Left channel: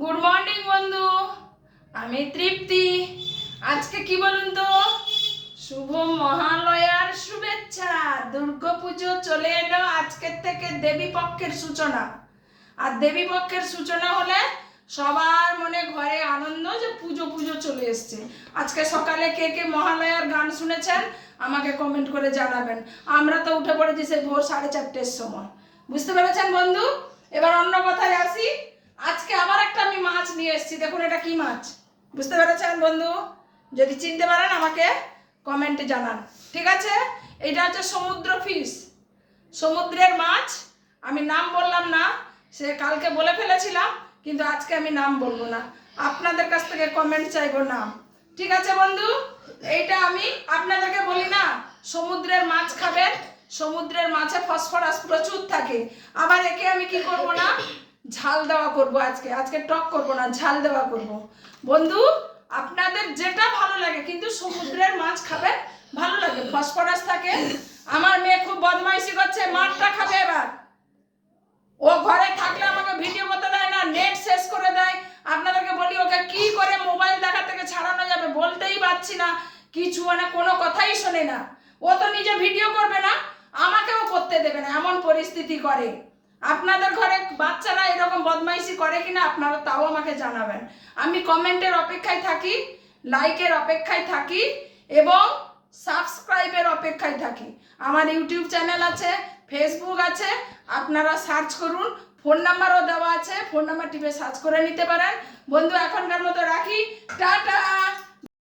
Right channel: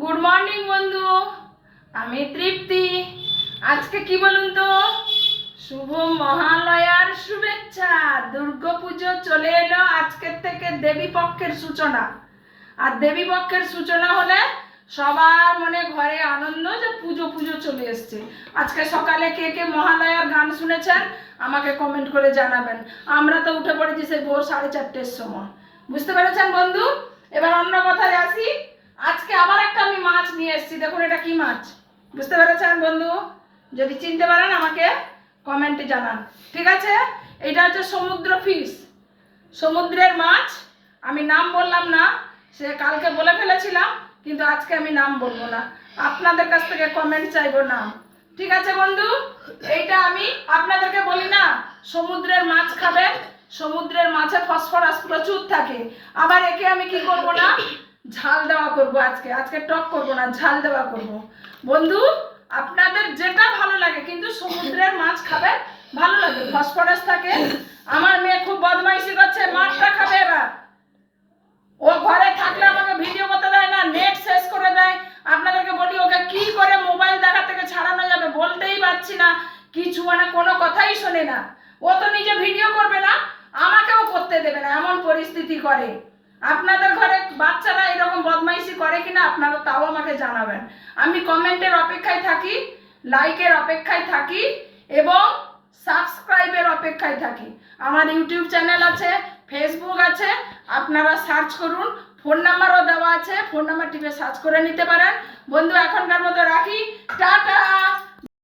Good morning বন্ধু, আমি তৃপ্তি। আজকে কি বলুন তো, শুভ মহালয়ার শুভেচ্ছা। দুর্গাপুজো চলে এলো, আজকের থেকে দেবী পক্ষের সূচনা। আর দেবী পক্ষের সূচনা হলে সবার মনে ঘরে আনন্দ যে পুজো পুজো চলে এসছে। আজকে সকালে কে কে মহালয়ার গান শুনেছেন আমাকে কমেন্ট করে জানাবেন। আমরা তো উঠে পড়েছি সেই ভোর 4:30-র সময়। বুঝতে পেরেছেন বন্ধু? এবার অন্য কথায় আসি। আজকে আবার একটা আমি মাছ নিয়ে এসেছি, দেখুন এটা কি মাছ। বুঝতে পেরেছেন বন্ধু? যদি চিনতে পারেন আমাকে কমেন্টে জানান, ঠিক আছে? এটা হচ্ছে সমুদ্র ফিশ, সমুদ্রের মাছ। আমি নাম বললাম না, সে কালকে বলে ফেলেছিলাম, কিন্তু আজকে আমি নাম বলবো না, আপনাদের কাছ থেকে কমেন্ট চাইবো না, ঠিক আছে বন্ধু? এইটা আমি আপনাদেরকে বলি না সমুদ্রের মাছ খাবেন, সমুদ্রের মাছে ফসফরাস প্রচুর থাকে। আবার একে আমি কি করব না, ঝাল দেওয়া করব। আজকে টক করব না, ঝাল দেওয়া করব। বন্ধু আপনাদের যেটা ভালো লাগে, কিন্তু সমুদ্রের মাছ খাবে, ভালো লাগে, ফসফরাস থাকে। আমার মেয়ে খুব বদমাইশি করছে, মাছটা খাবে এবার। ও ঘরে থাকলে আমাকে ভিডিও করতে দেয় না, নেট শেষ করে দেয়। আপনাদেরকে বলি ওকে কি করে মোবাইল দেখা থেকে ছাড়ানো যাবে বলতেই পারছি না, কিছু মানে কোনো কথাই শোনে না। ও তো নিজে ভিডিও করবে না, আমাকেও করতে দেবে না, এমন পরিস্থিতি করে। আপনাদের ঘরে বাচ্চারা এরকম বদমাইশি করে কিনা আপনারা তাও আমাকে জানাবেন। আমি কমেন্টের অপেক্ষায় থাকি, লাইকের অপেক্ষায় থাকি এবং সাবস্ক্রাইবের অপেক্ষায় থাকি। আমার ইউটিউব চ্যানেল আছে, ফেসবুক আছে, আপনারা সার্চ করুন, ফোন নাম্বারও দেওয়া আছে, ফোন নাম্বার টিপে সার্চ করে নিতে পারেন। বন্ধু এখনকার মতো রাখি, টাটা।